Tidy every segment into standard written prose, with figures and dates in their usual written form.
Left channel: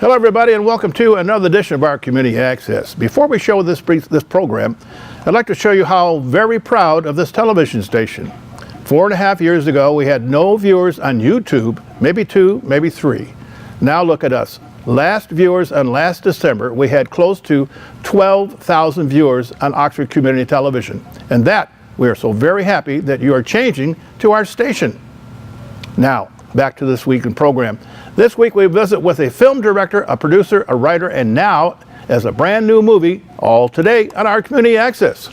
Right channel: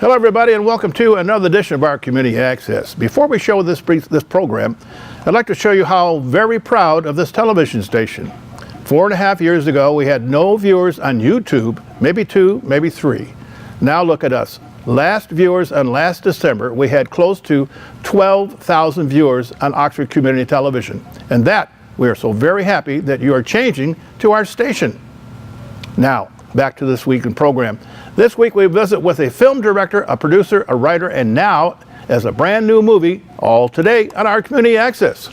Hello everybody and welcome to another edition of our Community Access. Before we show this program, I'd like to show you how very proud of this television station. 4.5 years ago we had no viewers on YouTube, maybe 2, maybe 3. Now look at us. Last viewers on last December we had close to 12,000 viewers on Oxford Community Television. And that we are so very happy that you are changing to our station. Now, back to this week in program. This week we visit with a film director, a producer, a writer, and now as a brand new movie, all today on our Community Access.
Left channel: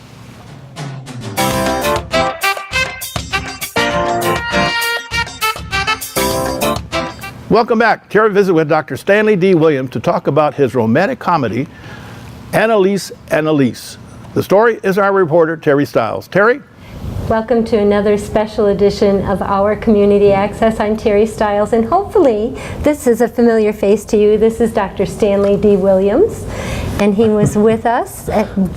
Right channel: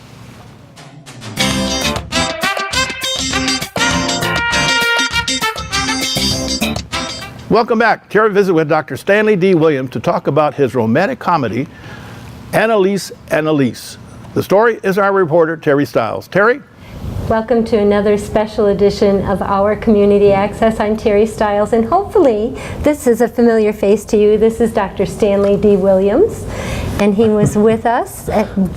Welcome back. Terry visit with Dr. Stanley D. Williams to talk about his romantic comedy, Annalise, Annalise. The story is our reporter, Terry Stiles. Terry? Welcome to another special edition of our Community Access. I'm Terry Stiles, and hopefully this is a familiar face to you. This is Dr. Stanley D. Williams, and he was with us,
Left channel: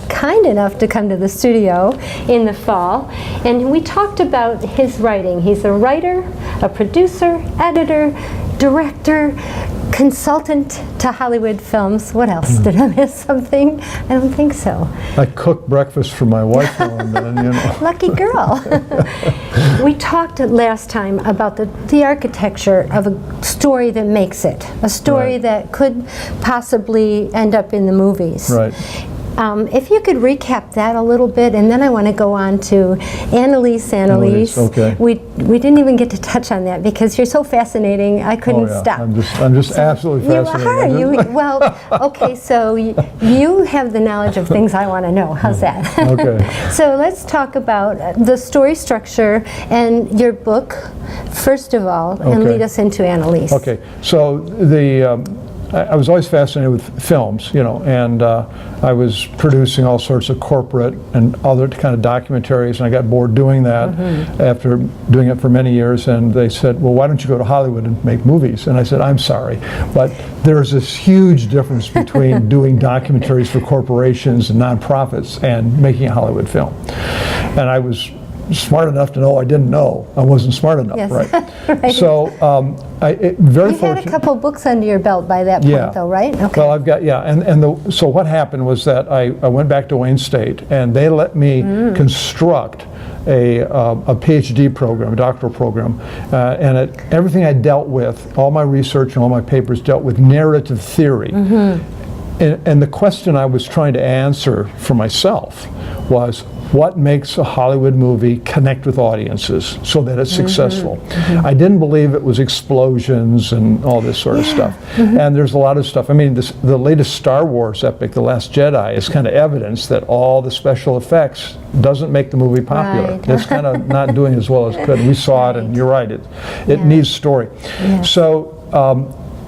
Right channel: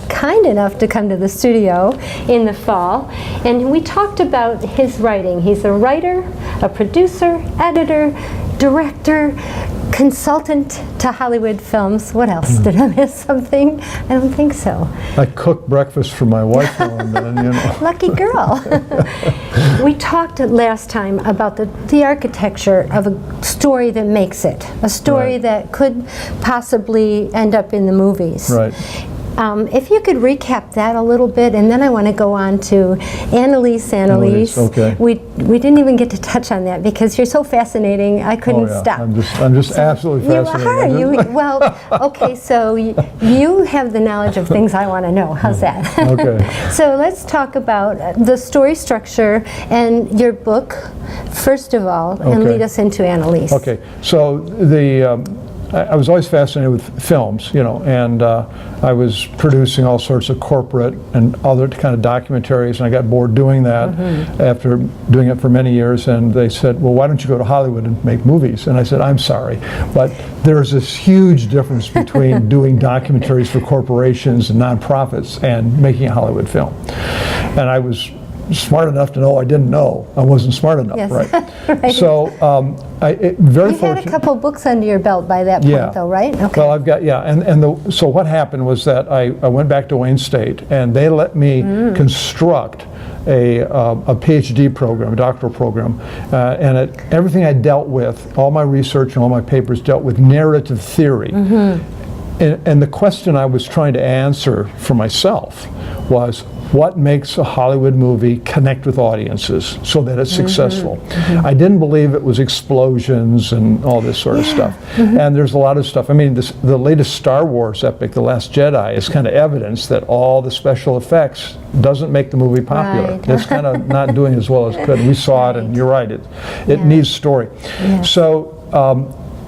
kind enough to come to the studio in the fall, and we talked about his writing. He's a writer, a producer, editor, director, consultant to Hollywood films. What else? Did I miss something? I don't think so. I cook breakfast for my wife now and then, you know. Lucky girl. We talked last time about the architecture of a story that makes it. A story Right. that could possibly end up in the movies. Right. If you could recap that a little bit, and then I want to go on to Annalise, Annalise. Okay. We didn't even get to touch on that because you're so fascinating. I couldn't stop. I'm just absolutely fascinated. You are. Well, okay. So you have the knowledge of things I want to know. How's that? Okay. So let's talk about the story structure and your book, first of all, and Okay. lead us into Annalise. Okay. So I was always fascinated with films, you know, and I was producing all sorts of corporate and other kind of documentaries, and I got bored doing that after doing it for many years, and they said, well, why don't you go to Hollywood and make movies? And I said, I'm sorry, but there's this huge difference between doing documentaries for corporations and nonprofits and making a Hollywood film. And I was smart enough to know I didn't know. I wasn't smart enough, Yes. right? Right. So very You had fortunate. a couple books under your belt by that point, Yeah. though, right? Okay. Well, I've got, so what happened was that I went back to Wayne State, and they let me construct a PhD program, a doctoral program, and everything I dealt with, all my research and all my papers dealt with narrative theory. And the question I was trying to answer for myself was, what makes a Hollywood movie connect with audiences so that it's successful? I didn't believe it was explosions and all this sort of stuff. And there's a lot of stuff. I mean, the latest Star Wars epic, The Last Jedi, is kind of evidence that all the special effects doesn't make the movie popular. Right. It's kind of not doing as well as it could. We saw it, and you're right, it Yeah. needs story. Yeah. So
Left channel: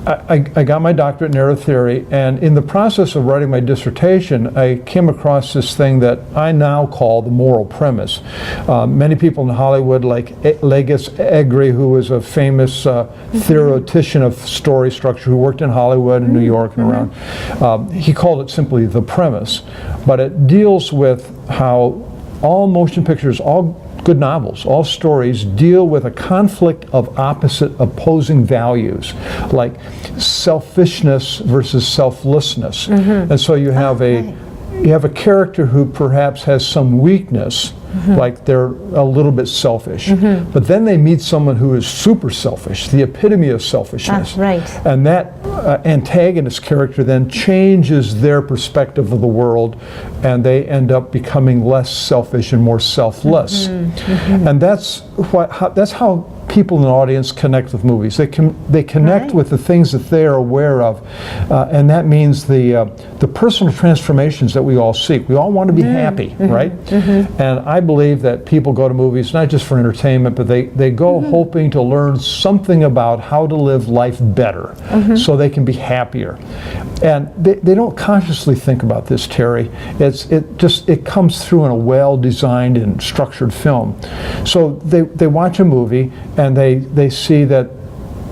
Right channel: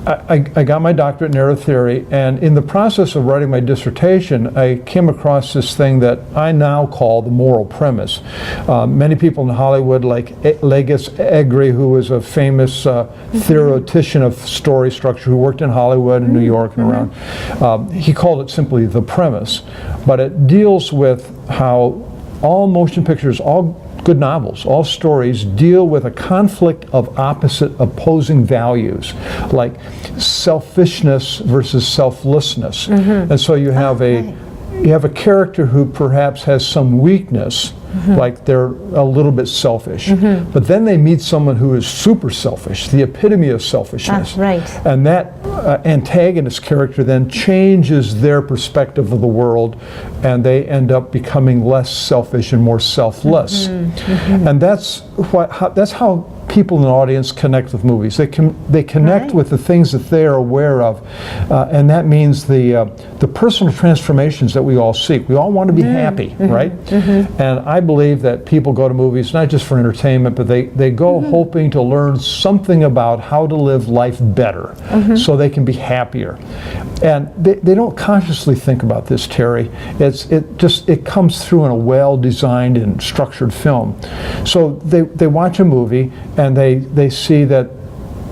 I got my doctorate in narrative theory, and in the process of writing my dissertation, I came across this thing that I now call the moral premise. Many people in Hollywood, like Legis Egri, who was a famous theoretician of story structure, who worked in Hollywood and New York and around, he called it simply the premise. But it deals with how all motion pictures, all good novels, all stories deal with a conflict of opposite opposing values, like selfishness versus selflessness. And so you have a character who perhaps has some weakness, like they're a little bit selfish, but then they meet someone who is super selfish, the epitome of selfishness. Right. And that antagonist character then changes their perspective of the world, and they end up becoming less selfish and more selfless. And that's how people in the audience connect with movies. They connect Right. with the things that they are aware of, and that means the personal transformations that we all seek. We all want to be happy, right? And I believe that people go to movies not just for entertainment, but they go hoping to learn something about how to live life better, so they can be happier. And they don't consciously think about this, Terry. It comes through in a well-designed and structured film. So they watch a movie and they see that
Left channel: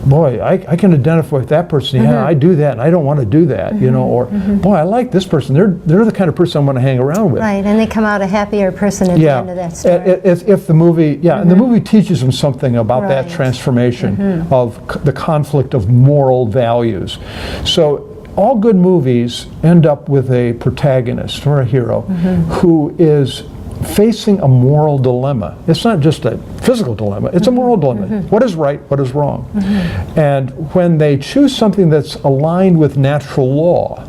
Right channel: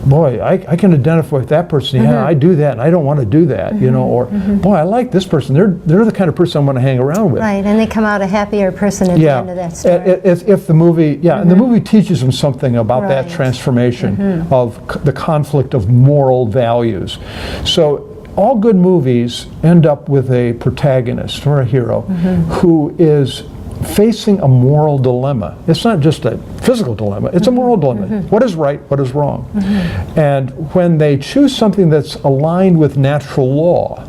boy, I can identify with that person. Yeah, I do that, and I don't want to do that, you know. Or, boy, I like this person. They're the kind of person I want to hang around with. Right, and they come out a happier person at the end of that story. If the movie, and the movie teaches them something about that transformation of the conflict of moral values. So all good movies end up with a protagonist or a hero who is facing a moral dilemma. It's not just a physical dilemma, it's a moral dilemma. What is right, what is wrong? And when they choose something that's aligned with natural law,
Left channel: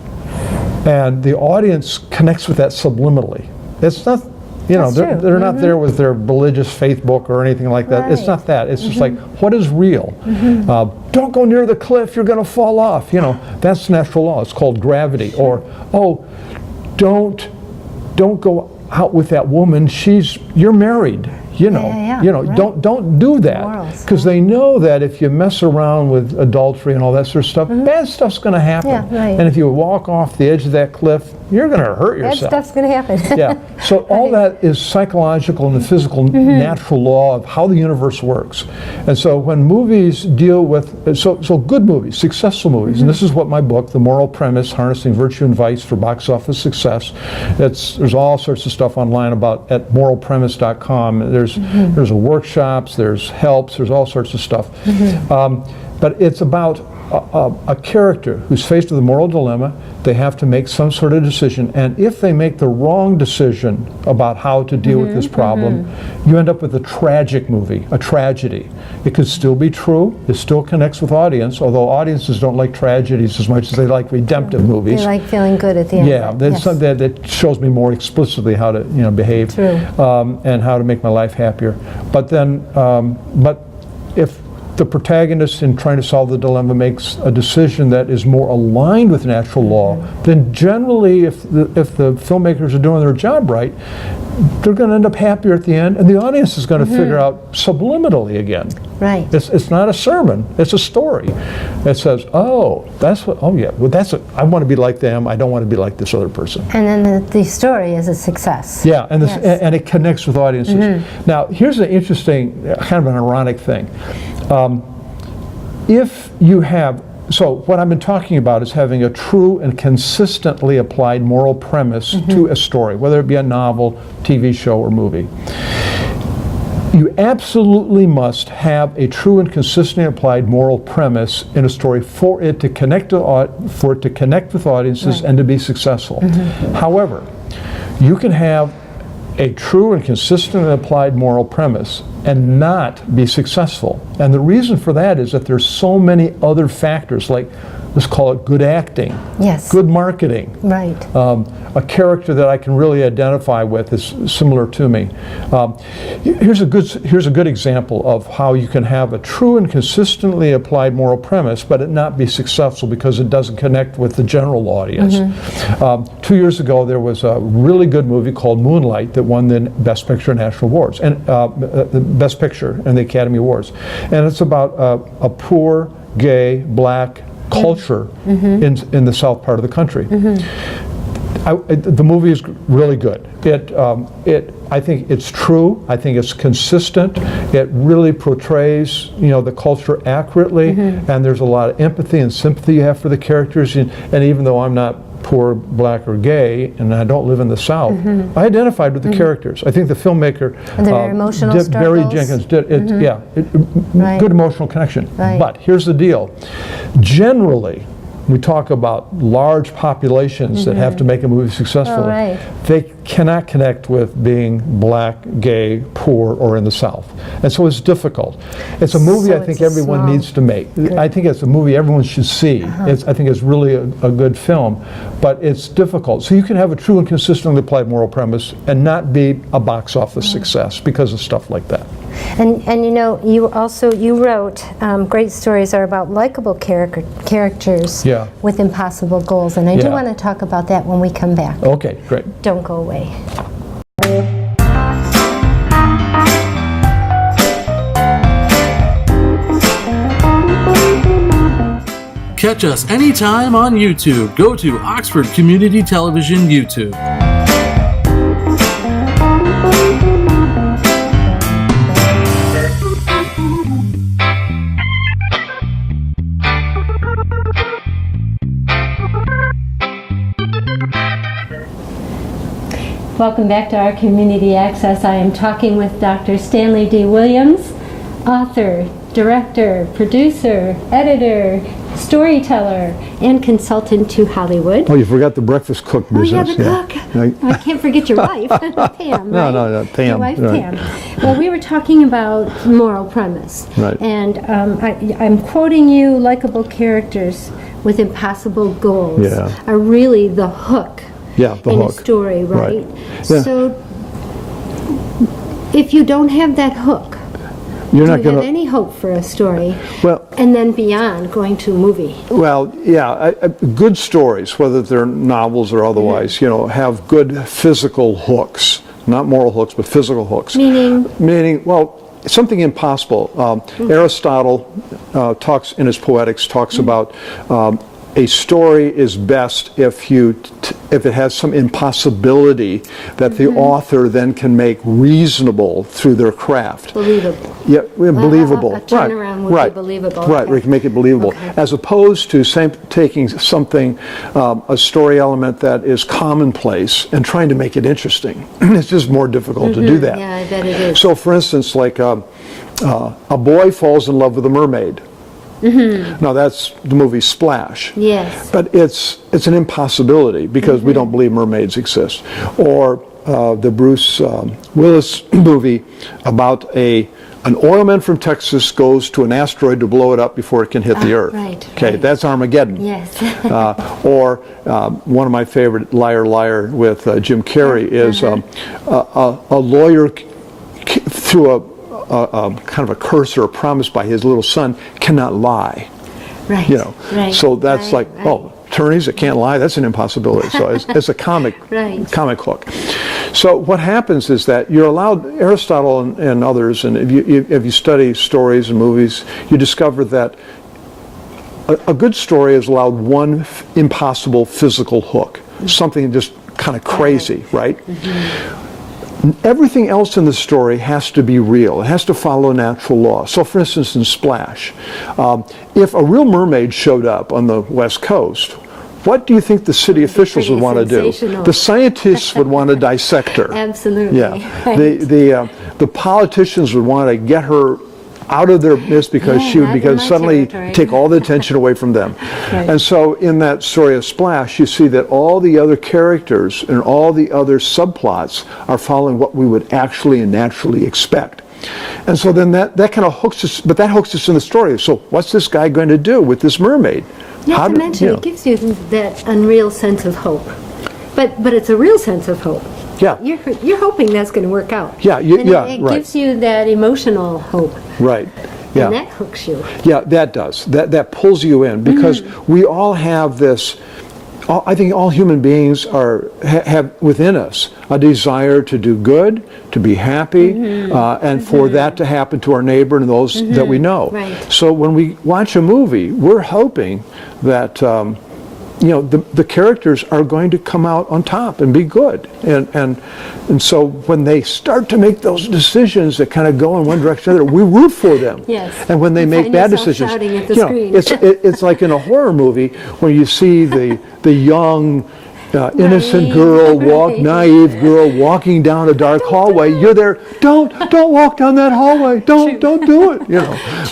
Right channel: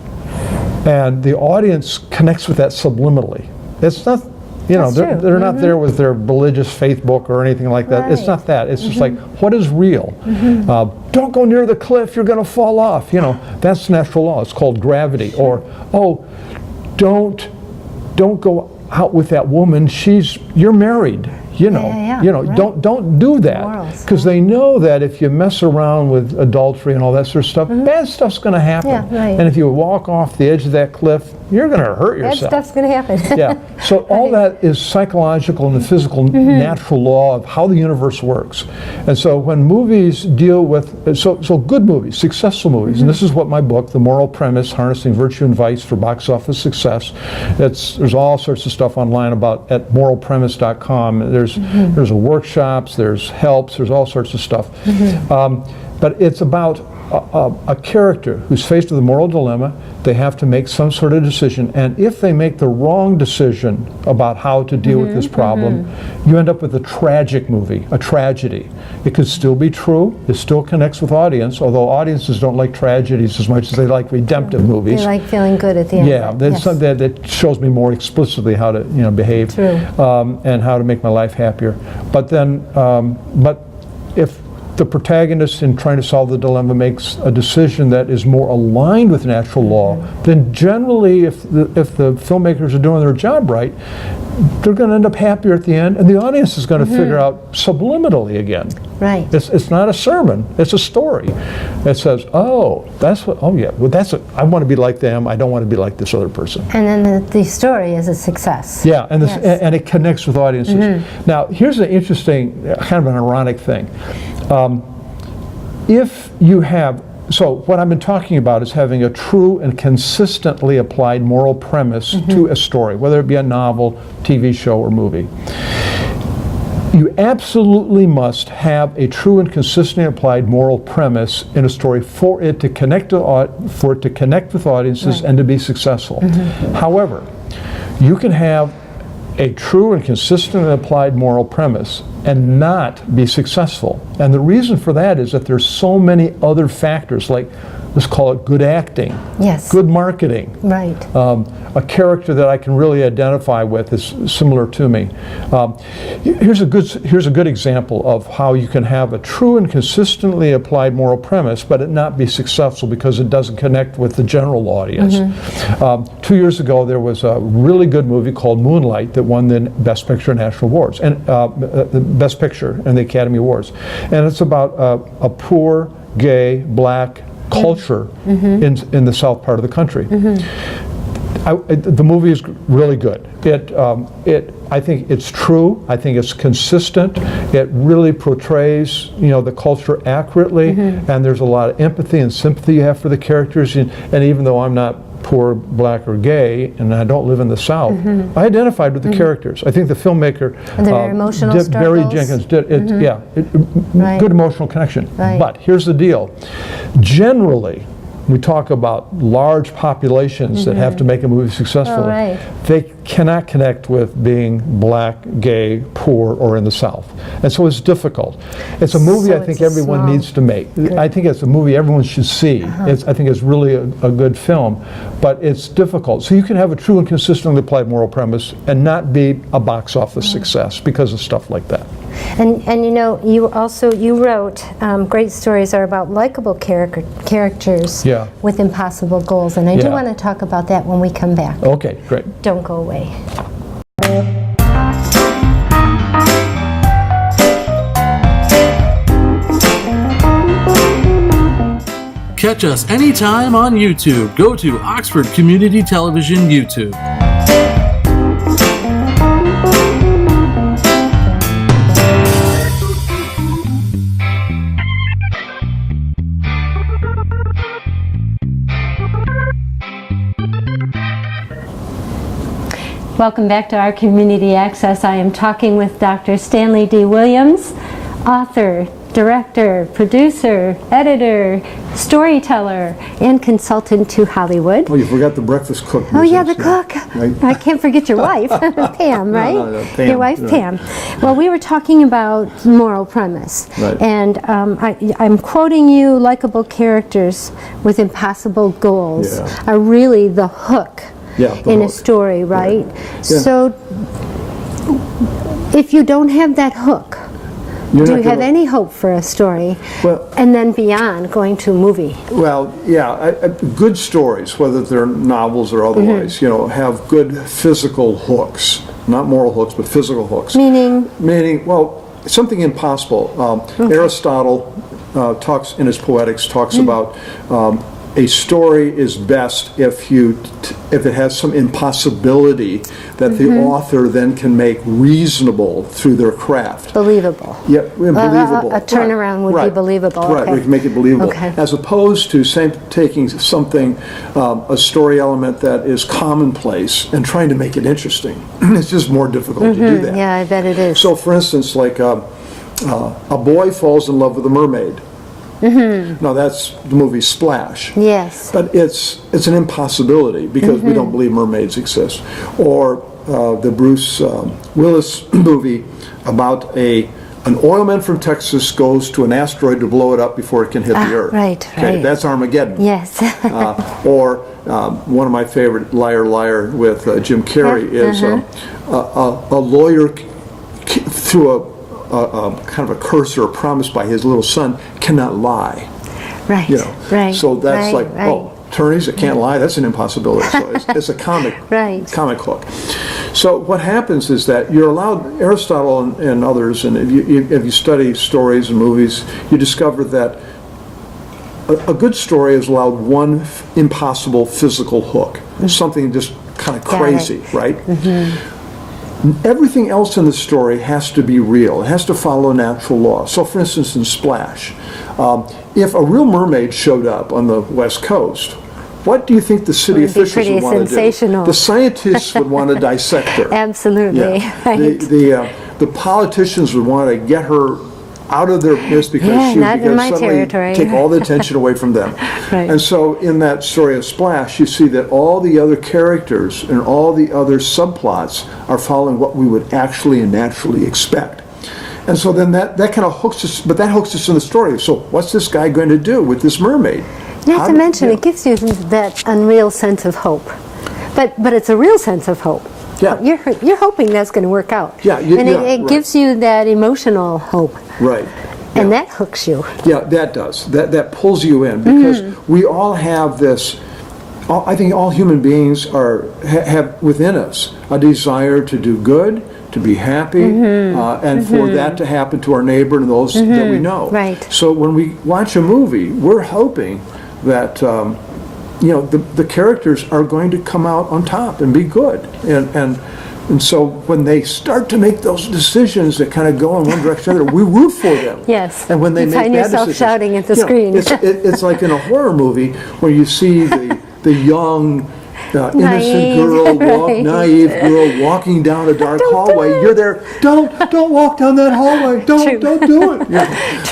and the audience connects with that subliminally, it's not, you know, they're not there with their religious faith book or anything like that. It's not that. It's just like, what is real? Don't go near the cliff, you're going to fall off. You know, that's natural law. It's called gravity. Or, oh, don't go out with that woman. You're married. You know, don't do that, because they know that if you mess around with adultery and all that sort of stuff, bad stuff's going to happen. And if you walk off the edge of that cliff, you're going to hurt yourself. Bad stuff's going to happen. So all that is psychological and the physical natural law of how the universe works. And so when movies deal with, so good movies, successful movies, and this is what my book, The Moral Premise, Harnessing Virtue and Vice for Box Office Success, there's all sorts of stuff online about at moralpremise.com. There's workshops, there's helps, there's all sorts of stuff. But it's about a character who's faced with a moral dilemma. They have to make some sort of decision, and if they make the wrong decision about how to deal with this problem, you end up with a tragic movie, a tragedy. It could still be true, it still connects with audience, although audiences don't like tragedies as much as they like redemptive movies. They like feeling good at the end. Yeah, that's something that shows me more explicitly how to, you know, behave and how to make my life happier. But then, but if the protagonist in trying to solve the dilemma makes a decision that is more aligned with natural law, then generally if the filmmakers are doing their job right, they're going to end up happier at the end, and the audience is going to figure out subliminally again. Right. It's not a sermon, it's a story. It says, oh, that's what, oh yeah, well I want to be like them, I don't want to be like this other person. And then the story is a success. Yeah, and, and it connects with audiences. Now, here's an interesting, kind of an ironic thing. If you have, so what I've been talking about is having a true and consistently applied moral premise to a story, whether it be a novel, TV show, or movie. You absolutely must have a true and consistently applied moral premise in a story for it to connect with audiences and to be successful. However, you can have a true and consistently applied moral premise and not be successful. And the reason for that is that there's so many other factors, like, let's call it good acting, good marketing, a character that I can really identify with is similar to me. Here's a good example of how you can have a true and consistently applied moral premise, but it not be successful because it doesn't connect with the general audience. 2 years ago, there was a really good movie called Moonlight that won the Best Picture and National Awards, and the Best Picture and the Academy Awards. And it's about a poor, gay, black culture in the south part of the country. The movie is really good. I think it's true. I think it's consistent. It really portrays, you know, the culture accurately, and there's a lot of empathy and sympathy you have for the characters. And even though I'm not poor, black, or gay, and I don't live in the South, I identified with the characters. I think the filmmaker, Barry Jenkins, did good emotional connection. But here's the deal. Generally, we talk about large populations that have to make a movie successful. They cannot connect with being black, gay, poor, or in the South. And so it's difficult. It's a movie I think everyone needs to make. I think it's a movie everyone should see. I think it's really a good film, but it's difficult. So you can have a true and consistently applied moral premise and not be a box office success because of stuff like that. And you know, you wrote great stories are about likable characters with impossible goals, and I do want to talk about that when we come back. Okay, great. Don't go away. Catch us anytime on YouTube. Go to Oxford Community Television YouTube. Welcome back to our Community Access. I am talking with Dr. Stanley D. Williams, author, director, producer, editor, storyteller, and consultant to Hollywood. Oh, you forgot the breakfast cook business. Oh, yeah, the cook. Right. I can't forget your wife, Pam, right? No, Pam. Your wife, Right. Pam. Well, we were talking about moral premise. Right. And I'm quoting you, likable characters with impossible goals are really the hook in a story, right? Yeah. So if you don't have that hook, do you have any hope for a story? Well, and then beyond going to a movie? Well, yeah, good stories, whether they're novels or otherwise, have good physical hooks. Not moral hooks, but physical hooks. Meaning, well, something impossible. Aristotle talks in his Poetics about a story is best if it has some impossibility that the author then can make reasonable through their craft. Believable. Yeah, believable. A turnaround would be believable. Right, okay. we can make it believable. Okay. As opposed to taking something, a story element that is commonplace and trying to make it interesting. It's just more difficult to do that. Yeah, I bet it is. So, for instance, like a boy falls in love with a mermaid. Now that's the movie Splash. Yes. But it's an impossibility because we don't believe mermaids exist. Or the Bruce Willis movie about an oilman from Texas goes to an asteroid to blow it up before it can hit the Earth. Right. Okay, right. that's Armageddon. Yes. Or one of my favorite, Liar Liar with Jim Carrey is a lawyer through a kind of a curse or a promise by his little son cannot lie. Right. Right. So that's right. attorneys that can't lie, that's an impossibility. So it's a comic comic hook. So what happens is that you're allowed, Aristotle and others, and if you study stories and movies, you discover that a good story is allowed one impossible physical hook, something just kind of crazy, right? Everything else in the story has to be real. It has to follow natural law. So, for instance, in Splash, if a real mermaid showed up on the West Coast, what do you think the city officials would want to do? The scientists would want to dissect her. Absolutely. Yeah. Right. The politicians would want to get her out of their midst because she would suddenly take all the attention away from them. Right. And so in that story of Splash, you see that all the other characters and all the other subplots are following what we would actually and naturally expect. And so then that kind of hooks us, but that hooks us in the story. So what's this guy going to do with this mermaid? Not to mention, it gives you that unreal sense of hope. But it's a real sense of hope. Yeah. You're hoping that's going to work out. Yeah, it gives you that emotional hope. Right. And that hooks you. Yeah, that does. That pulls you in because we all have this. I think all human beings have within us a desire to do good, to be happy, and for that to happen to our neighbor and those that we know. Right. So when we watch a movie, we're hoping that the characters are going to come out on top and be good, and so when they start to make those decisions that kind of go in one direction or another, we root for them. Yes. And when they make bad decisions, shouting at the screen. It's like in a horror movie when you see the young, innocent girl, naive girl walking down a dark hallway. You're there. Don't walk down that hallway. Don't do it.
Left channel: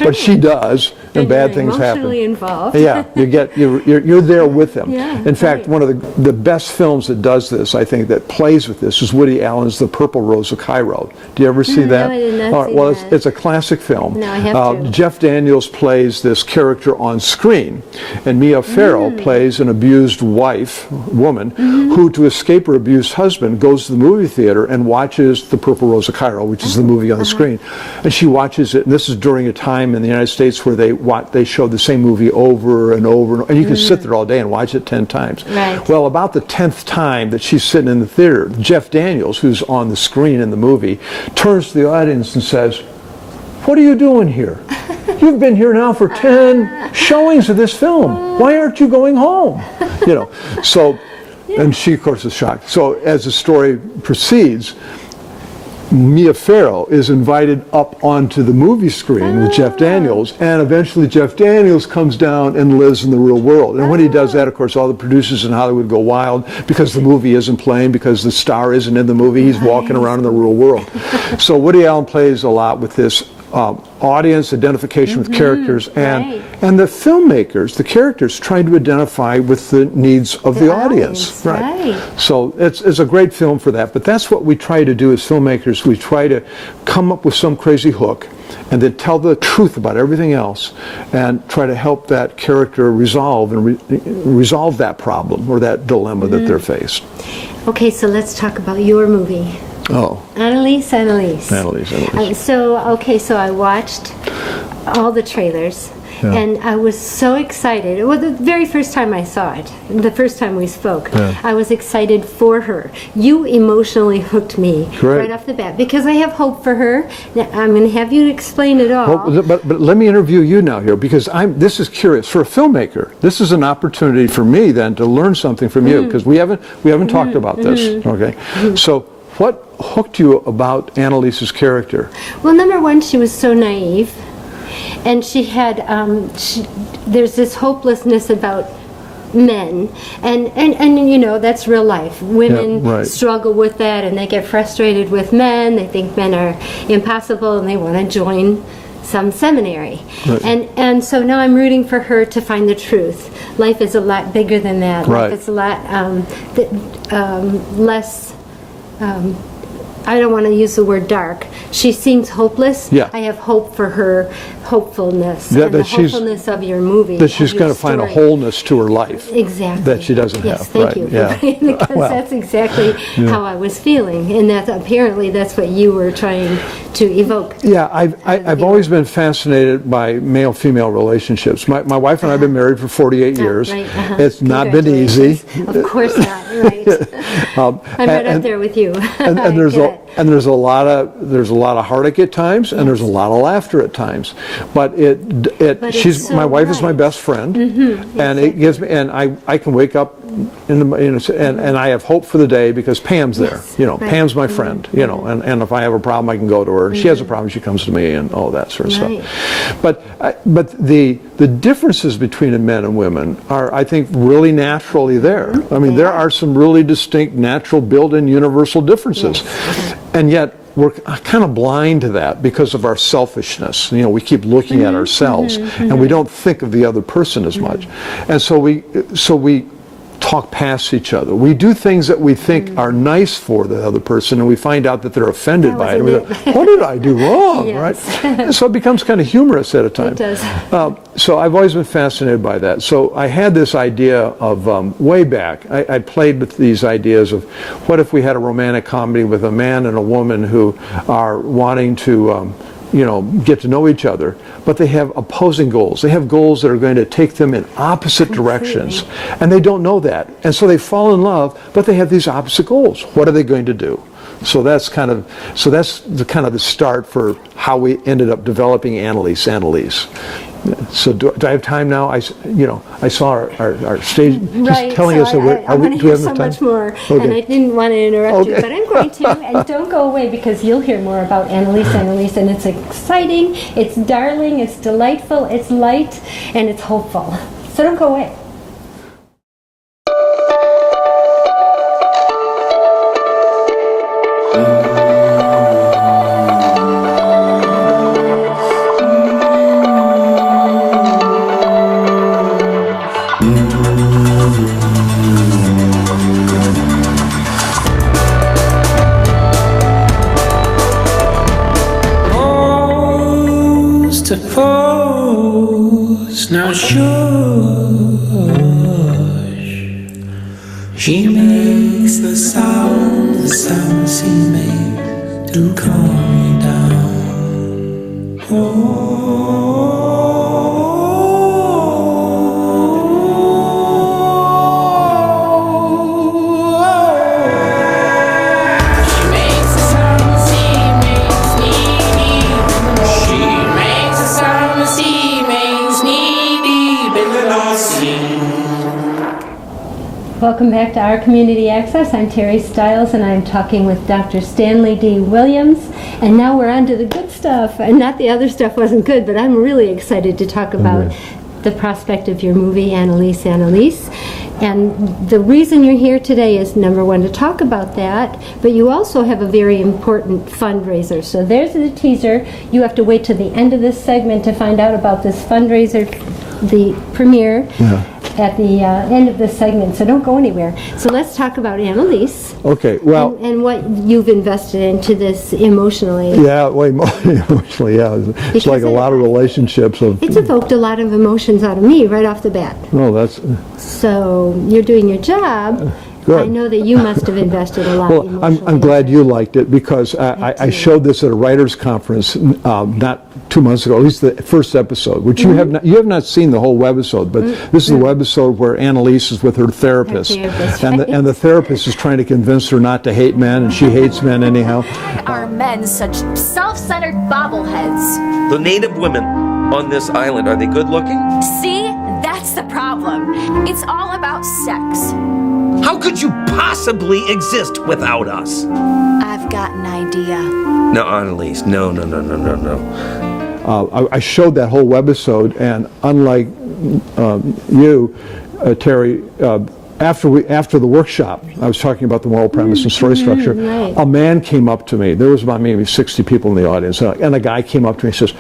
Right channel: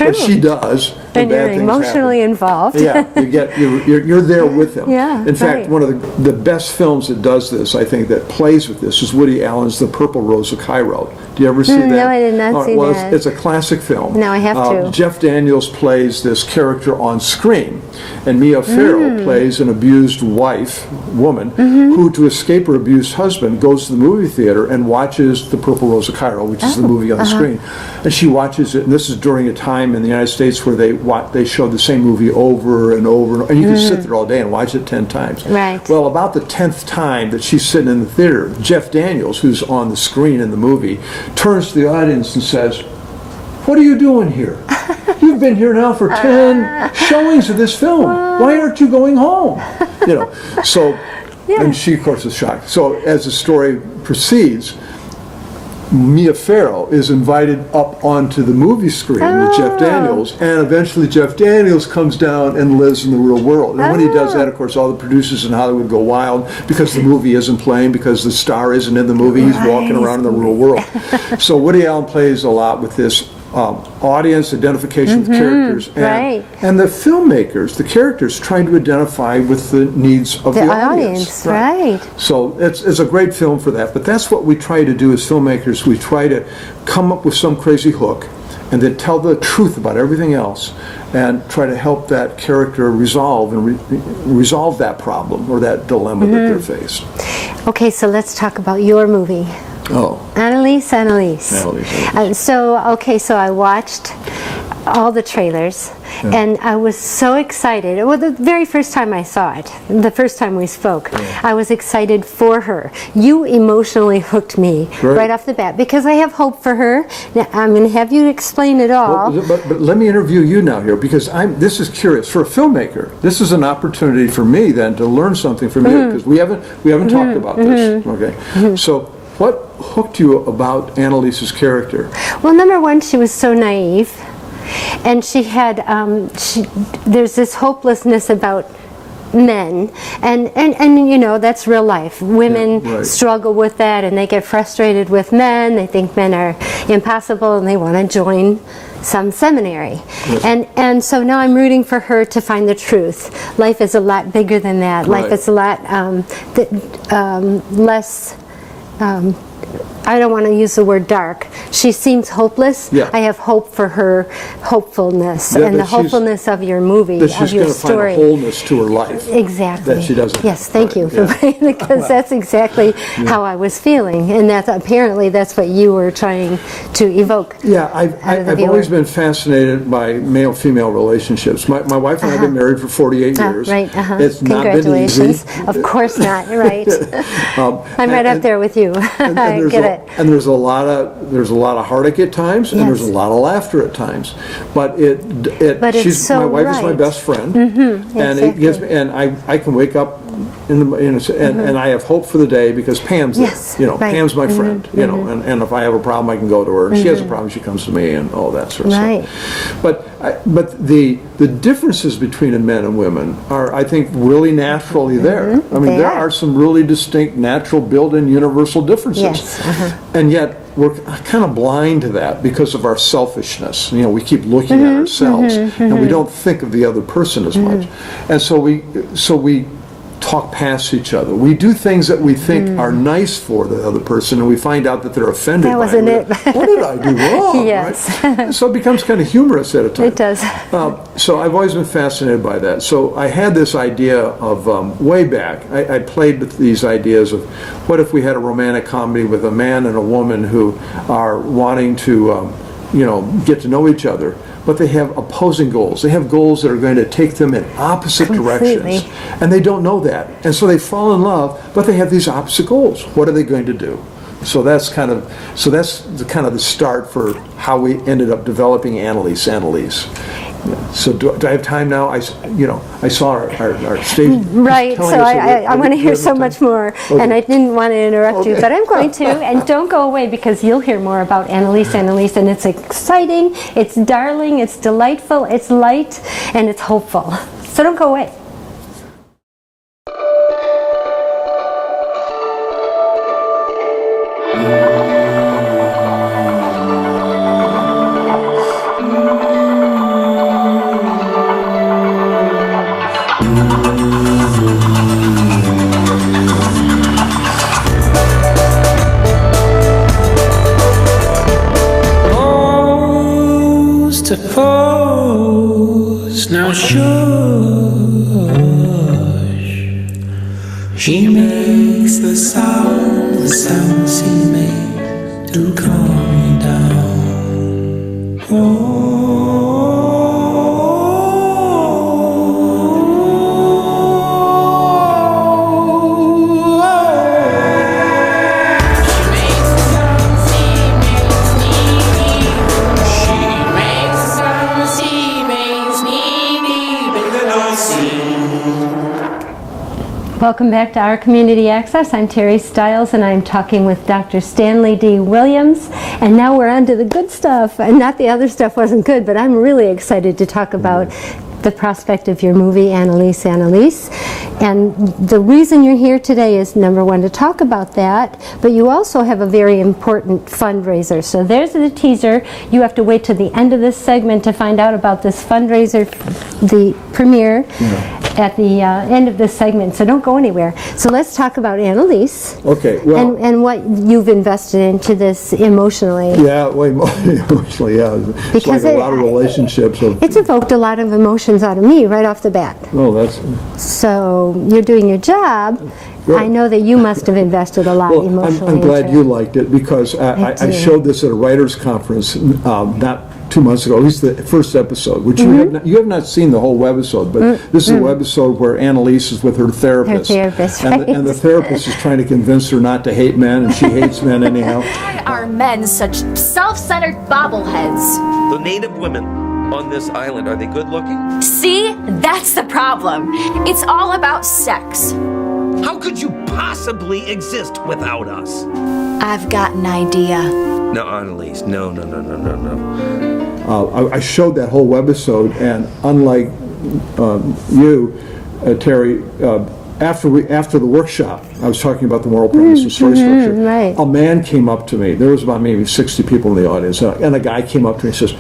But she does, and bad things happen. Emotionally involved. Yeah, you're there with them. Yeah, in fact, one of the best films that does this, I think, that plays with this, is Woody Allen's The Purple Rose of Cairo. Do you ever see that? No, I did not see that. It's a classic film. No, I have to. Jeff Daniels plays this character on screen, and Mia Farrow plays an abused woman, who, to escape her abused husband, goes to the movie theater and watches The Purple Rose of Cairo, which is the movie on the screen. And she watches it, and this is during a time in the United States where they show the same movie over and over, and you can sit there all day and watch it 10 times. Right. Well, about the 10th time that she's sitting in the theater, Jeff Daniels, who's on the screen in the movie, turns to the audience and says, "What are you doing here? You've been here now for 10 showings of this film. Why aren't you going home?" So, and she, of course, is shocked. So as the story proceeds, Mia Farrow is invited up onto the movie screen with Jeff Daniels, and eventually Jeff Daniels comes down and lives in the real world. And when he does that, of course, all the producers in Hollywood go wild because the movie isn't playing, because the star isn't in the movie. He's walking around in the real world. So Woody Allen plays a lot with this audience identification with characters, and the filmmakers, the characters, trying to identify with the needs of the audience. Right. So it's a great film for that. But that's what we try to do as filmmakers. We try to come up with some crazy hook and then tell the truth about everything else and try to help that character resolve and resolve that problem or that dilemma that they're faced. Okay, so let's talk about your movie. Oh. Annalise. So I watched all the trailers, and I was so excited. Well, the very first time I saw it, the first time we spoke, I was excited for her. You emotionally hooked me right off the bat, because I have hope for her. Now, I'm going to have you explain it all. Well, but let me interview you now here, because this is curious. For a filmmaker, this is an opportunity for me then to learn something from you, because we haven't talked about this. Okay, so what hooked you about Annalise's character? Well, number one, she was so naive, and she had there's this hopelessness about men, and you know, that's real life. Women struggle with that, and they get frustrated with men. They think men are impossible, and they want to join some seminary. And so now I'm rooting for her to find the truth. Life is a lot bigger than that. Life is a lot less. I don't want to use the word dark. She seems hopeless. I have hope for her hopefulness and the hopefulness of your movie, that she's going to find a wholeness to her life. Exactly. That she doesn't have. Yes, thank you. Because that's exactly how I was feeling, and apparently that's what you were trying to evoke. Yeah, I've always been fascinated by male-female relationships. My wife and I have been married for 48 years. It's not been easy. Of course not. Right. I'm right up there with you. And there's a lot of heartache at times, and there's a lot of laughter at times. But my wife is my best friend, and it gives me, and I can wake up and I have hope for the day because Pam's there. Pam's my friend. And if I have a problem, I can go to her. And she has a problem, she comes to me, and all that sort of stuff. But the differences between men and women are, I think, really naturally there. I mean, there are some really distinct, natural, built-in, universal differences. And yet, we're kind of blind to that because of our selfishness. We keep looking at ourselves, and we don't think of the other person as much. And so we talk past each other. We do things that we think are nice for the other person, and we find out that they're offended by it. What did I do wrong? Right? So it becomes kind of humorous at a time. It does. So I've always been fascinated by that. So I had this idea of, way back, I played with these ideas of what if we had a romantic comedy with a man and a woman who are wanting to get to know each other, but they have opposing goals. They have goals that are going to take them in opposite directions, and they don't know that. And so they fall in love, but they have these opposite goals. What are they going to do? So that's the start for how we ended up developing Annalise. So do I have time now? I saw our stage. Right. So I want to hear so much more, and I didn't want to interrupt you, but I'm going to. And don't go away, because you'll hear more about Annalise, and it's exciting, it's darling, it's delightful, it's light, and it's hopeful. So don't go away. To pose, now shush. She makes the sound she makes to calm me down. Welcome back to Our Community Access. I'm Terry Stiles, and I'm talking with Dr. Stanley D. Williams. And now we're on to the good stuff. And not the other stuff wasn't good, but I'm really excited to talk about the prospect of your movie, Annalise, Annalise. And the reason you're here today is, number one, to talk about that, but you also have a very important fundraiser. So there's the teaser. You have to wait till the end of this segment to find out about this fundraiser, the premiere. At the end of this segment, so don't go anywhere. So let's talk about Annalise. Okay, well, and what you've invested into this emotionally. Yeah, well, emotionally, yeah. It's Because like a lot of relationships. It's evoked a lot of emotions out of me right off the bat. No, that's... So you're doing your job. Good. I know that you must have invested a lot Well, emotionally. I'm glad you liked it, because I showed this at a writer's conference not 2 months ago, at least the first episode, which you have not seen the whole webisode, but this is a webisode where Annalise is with her therapist. And the therapist is trying to convince her not to hate men, and she hates men anyhow. Why are men such self-centered bobbleheads? The native women on this island, are they good looking? See? That's the problem. It's all about sex. How could you possibly exist without us? I've got an idea. No, Annalise, no. I showed that whole webisode, and unlike you, Terry, after the workshop, I was talking about the moral premise and story structure. Right. A man came up to me. There was about maybe 60 people in the audience, and a guy came up to me and says,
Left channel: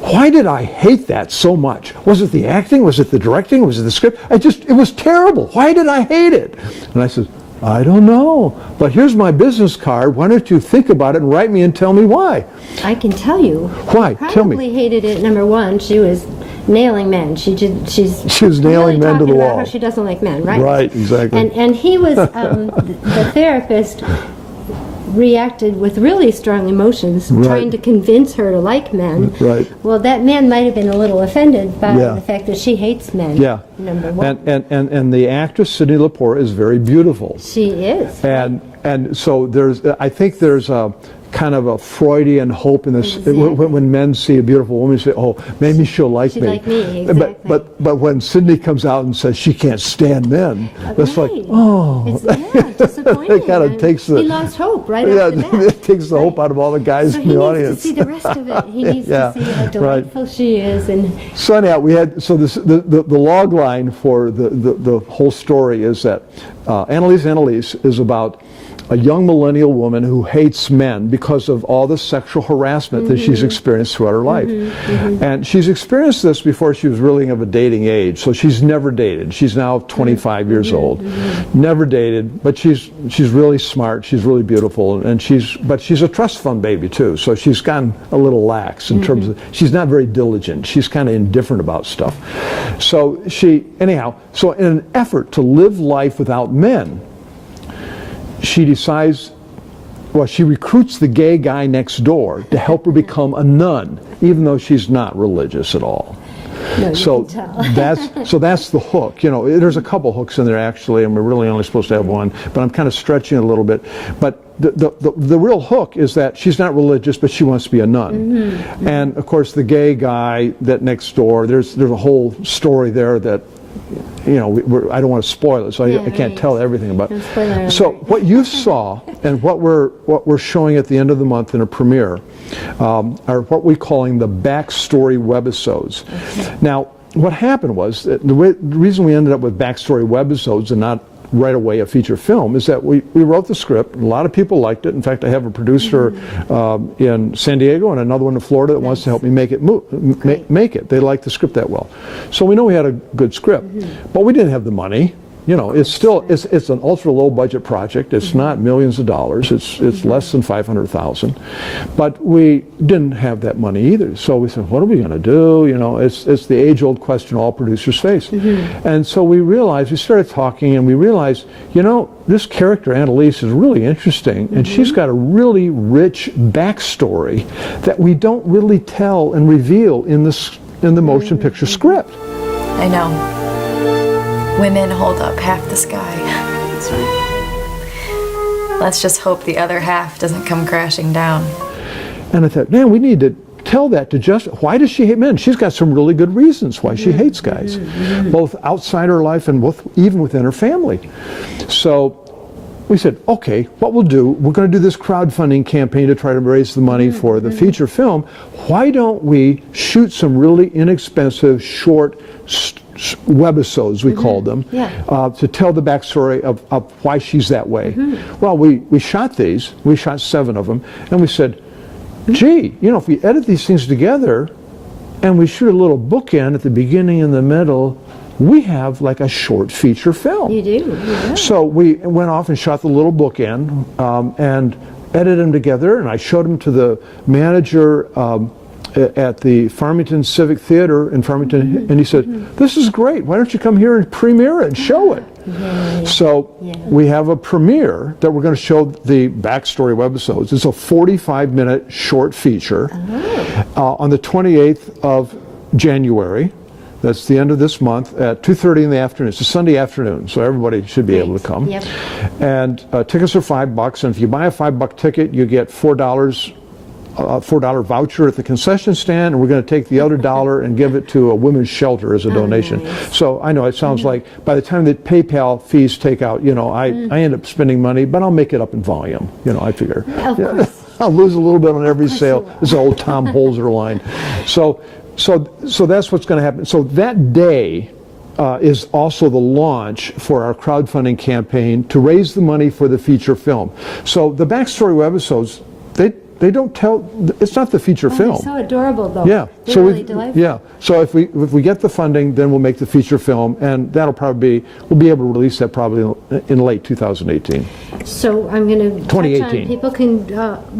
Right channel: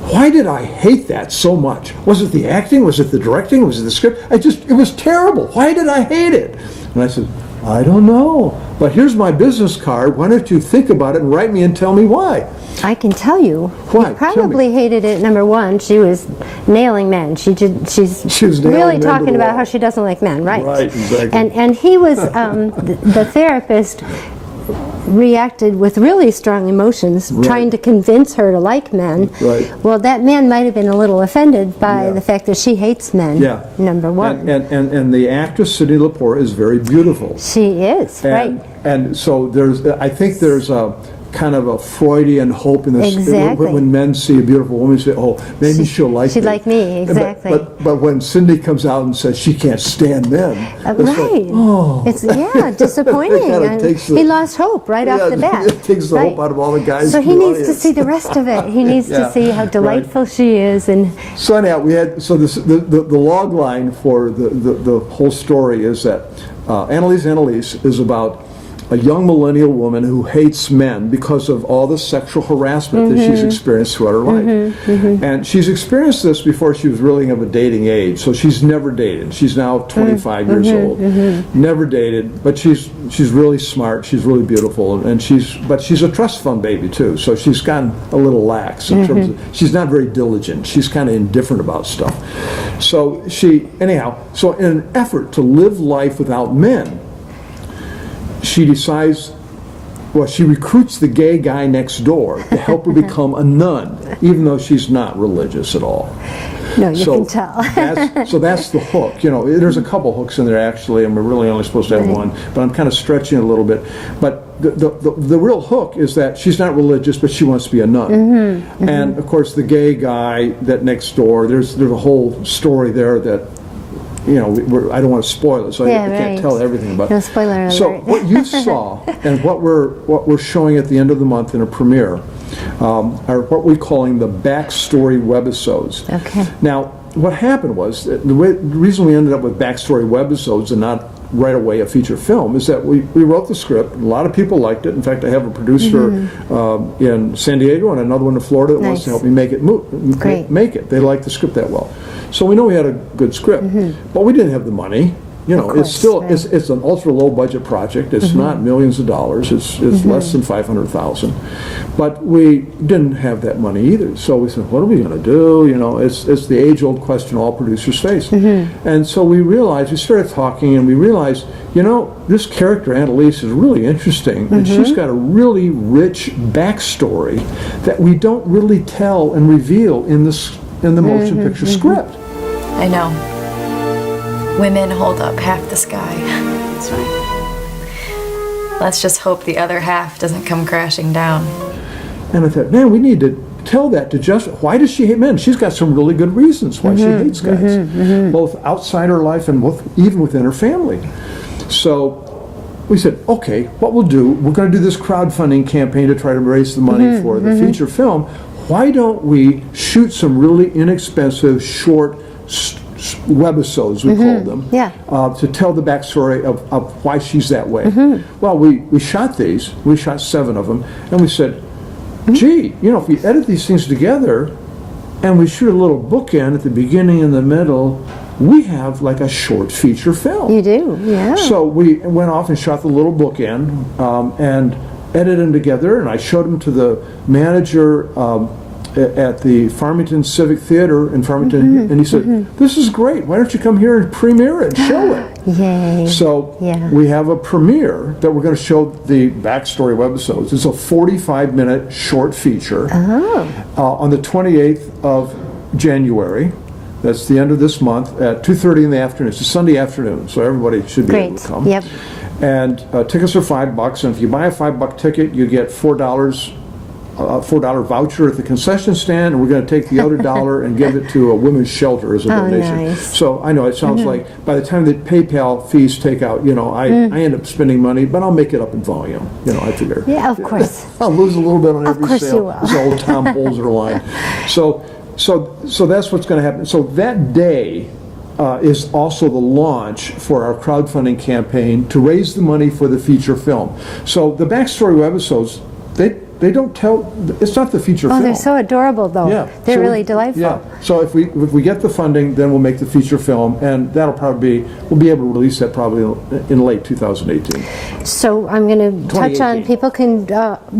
"Why did I hate that so much? Was it the acting? Was it the directing? Was it the script? It was terrible. Why did I hate it?" And I said, "I don't know, but here's my business card. Why don't you think about it and write me and tell me why?" I can tell you. Why? You Tell me. probably hated it. Number one, she was nailing men. She's was nailing really men to talking the about wall. how she doesn't like men, right? Right, exactly. And he was the therapist reacted with really strong emotions, Right. trying to convince her to like men. Right. Well, that man might have been a little offended by Yeah. the fact that she hates men. Yeah. Number one. And the actress Cindy Lepore is very beautiful. She is, right. And so I think there's a kind of a Freudian hope in this. Exactly. When men see a beautiful woman, say, "Oh, maybe she'll like me." She'd like me, exactly. But when Cindy comes out and says she can't stand men, it's Right. like, oh. It's disappointing. It kinda And takes he lost hope right off the bat. It takes the hope out of all the guys So in he the needs to audience. see the rest of it. He needs Yeah, to see how right. delightful she is. And So anyhow, the log line for the whole story is that Annalise is about a young millennial woman who hates men because of all the sexual harassment that she's experienced throughout her life. And she's experienced this before she was really of a dating age. So she's never dated. She's now 25 years old. Never dated, but she's really smart. She's really beautiful, and she's a trust fund baby too. So she's gotten a little lax in terms of, she's not very diligent. She's kind of indifferent about stuff. So so in an effort to live life without men, she decides, she recruits the gay guy next door to help her become a nun, even though she's not religious at all. no, you can tell. That's the hook. There's a couple hooks in there actually, and we're really only supposed to have one, but I'm kind of stretching it a little bit. But the real hook is that she's not religious, but she wants to be a nun. And of course, the gay guy that next door, there's a whole story there that, I don't want to spoil it, so I can't tell everything about it. No spoiler alert. So what you saw and what we're showing at the end of the month in a premiere are what we're calling the backstory webisodes. Okay. Now, what happened was that the reason we ended up with backstory webisodes and not right away a feature film is that we wrote the script. A lot of people liked it. In fact, I have a producer in San Diego and another one in Florida that wants to help me make it make it. They like the script that well. So we know we had a good script, but we didn't have the money. It's still it's an ultra low budget project. It's not millions of dollars. It's less than $500,000, but we didn't have that money either. So we said, what are we going to do? It's the age old question all producers face. And so we started talking, and we realized, this character Annalise is really interesting, and she's got a really rich backstory that we don't really tell and reveal in the motion picture script. I know. Women hold up half the sky. That's right. Let's just hope the other half doesn't come crashing down. And I thought, man, we need to tell that to Jessica. Why does she hate men? She's got some really good reasons why she hates guys, both outside her life and even within her family. So we said, okay, what we'll do, we're going to do this crowdfunding campaign to try to raise the money for the feature film. Why don't we shoot some really inexpensive, short webisodes, we called them, to tell the backstory of why she's that way. Well, we shot these. We shot 7 of them. And we said, gee, if we edit these things together and we shoot a little bookend at the beginning and the middle, we have like a short feature film. You do, yeah. So we went off and shot the little bookend and edited them together, and I showed them to the manager at the Farmington Civic Theater in Farmington, and he said, this is great, why don't you come here and premiere it and show it? Yay. So we have a premiere that we're going to show the backstory webisodes. It's a 45-minute short feature on the 28th of January. That's the end of this month at 2:30 in the afternoon. It's a Sunday afternoon, so everybody should be able to come. Yep. And tickets are $5, and if you buy a $5 ticket, you get $4 voucher at the concession stand, and we're going to take the other $1 and give it to a women's shelter as a donation. Nice. So I know it sounds like by the time the PayPal fees take out, I end up spending money, but I'll make it up in volume. I figure. Yeah, of course. I'll lose a little bit on every course sale. you will. This old Tom Holzer line. So that's what's going to happen. So that day is also the launch for our crowdfunding campaign to raise the money for the feature film. So the backstory webisodes, they don't tell. It's not the feature film. They're so adorable, though. Yeah, They're really delightful. Yeah. So if we get the funding, then we'll make the feature film, and that'll probably we'll be able to release that probably in late 2018. So I'm going to touch on, people can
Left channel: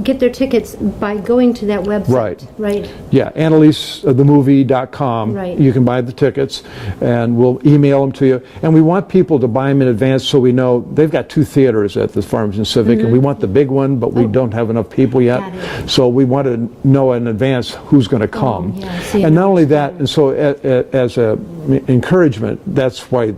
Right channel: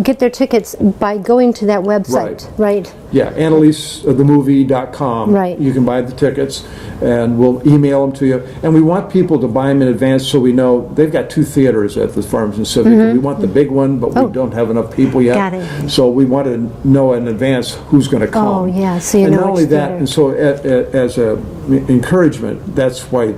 get their tickets by going to that website, right? Yeah, AnnaliseTheMovie.com. Right. You can buy the tickets, and we'll email them to you. And we want people to buy them in advance so we know they've got 2 theaters at the Farmington Civic, and we want the big one, but we don't have enough people yet. Got it. So we want to know in advance who's going to come. Oh, yeah. So you and know not only which that, theater. and so as a encouragement, that's why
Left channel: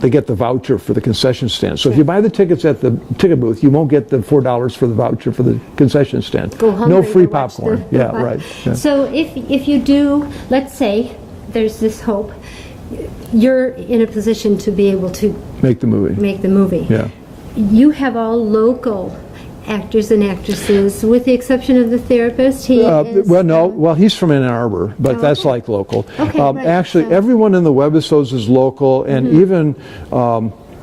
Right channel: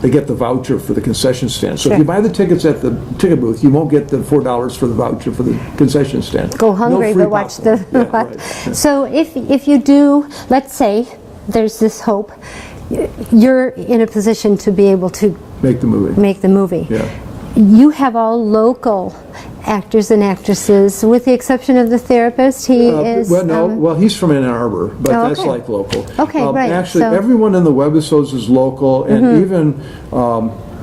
they get the voucher for the concession stand. So if you buy the tickets at the ticket booth, you won't get the $4 for the voucher for the concession stand. Go hungry, no free but watch popcorn. the Yeah, right. Yeah. So if you do, let's say there's this hope, you're in a position to be able to Make the movie. Yeah. You have all local actors and actresses, with the exception of the therapist. He is. Well, he's from Ann Arbor, but that's okay. like local. Okay, right. Actually, So- everyone in the webisodes is local, and even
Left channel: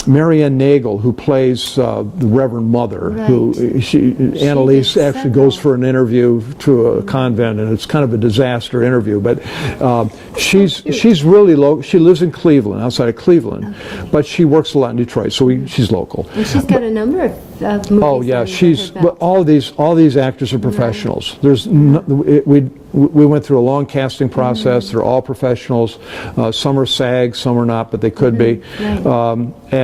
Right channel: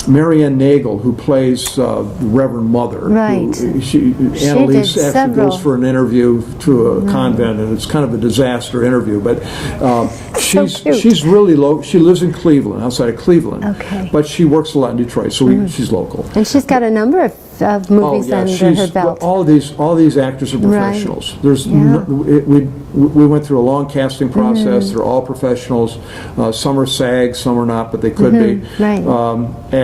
Marianne Nagel, who plays the Reverend Mother. Right. Annalise did actually several. goes for an interview to a convent, and it's kind of a disaster interview. But she's really local. She lives in Cleveland, outside of Cleveland. Okay. But she works a lot in Detroit, so she's local. And she's got a number of movies under her belt. All these actors are professionals. There's we went through a long casting process. They're all professionals. Some are SAG, some are not, but they could be. Right.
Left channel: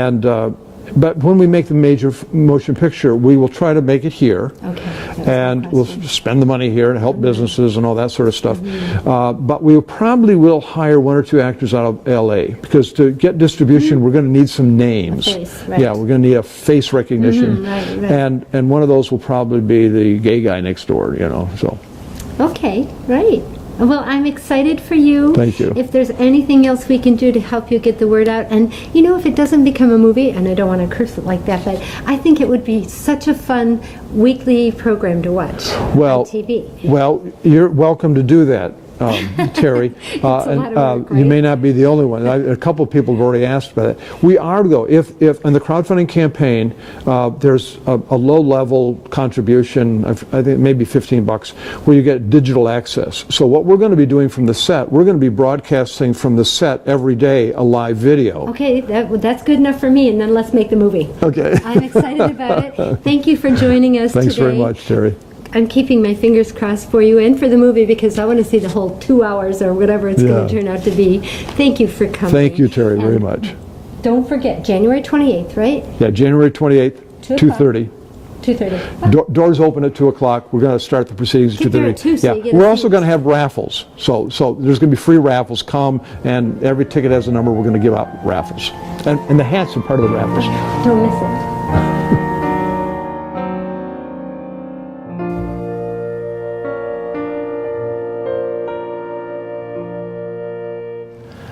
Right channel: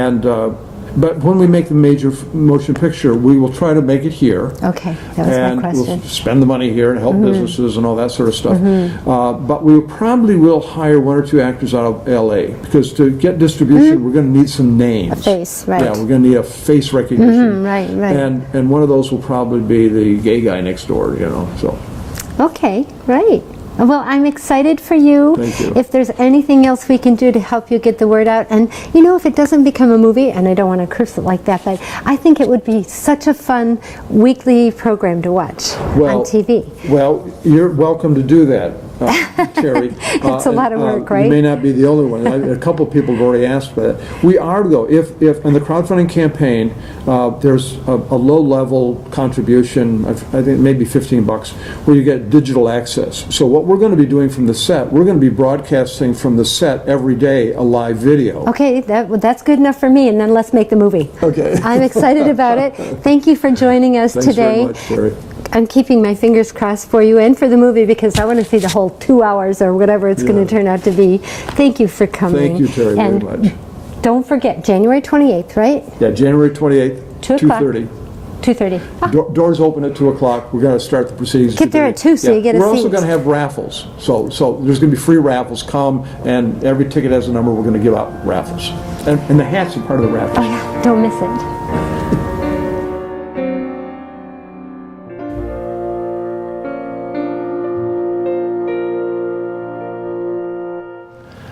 But when we make the major motion picture, we will try to make it here. Okay, that was and my question. we'll spend the money here and help businesses and all that sort of stuff. But we probably will hire 1 or 2 actors out of L.A. because to get distribution, we're going to need some names. A face, right. Yeah, we're going to need a face recognition. Right. And one of those will probably be the gay guy next door. So. Okay, great. Well, I'm excited for you. Thank you. If there's anything else we can do to help you get the word out, and if it doesn't become a movie, and I don't want to curse it like that, but I think it would be such a fun weekly program to watch on TV. Well, you're welcome to do that, Terry. It's a lot of work, right? You may not be the only one. A couple of people have already asked for that. We are, though, if in the crowdfunding campaign, there's a low-level contribution, I think maybe $15, where you get digital access. So what we're going to be doing from the set, we're going to be broadcasting from the set every day a live video. Okay, that's good enough for me, and then let's make the movie. Okay. I'm excited about it. Thank you for joining us Thanks today. very much, Terry. I'm keeping my fingers crossed for you and for the movie because I want to see the whole 2 hours or whatever it's going to turn out to be. Thank you for coming. Thank you, Terry, and very much. Don't forget, January 28th, right? Yeah, January 28th, 2:30. 2:30. Doors open at 2 o'clock. We're going to start the proceedings. Get there at 2 so you get a We're seat. also going to have raffles. So there's going to be free raffles. Come, and every ticket has a number. We're going to give out raffles. And the hats are part of the raffles. Don't miss it.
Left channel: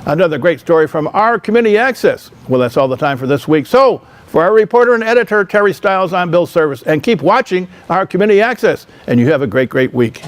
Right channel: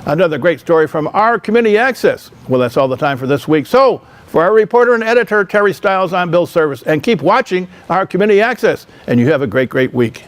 Another great story from our Community Access. Well, that's all the time for this week. So, for our reporter and editor, Terry Stiles, I'm Bill Service. And keep watching our Community Access. And you have a great, great week.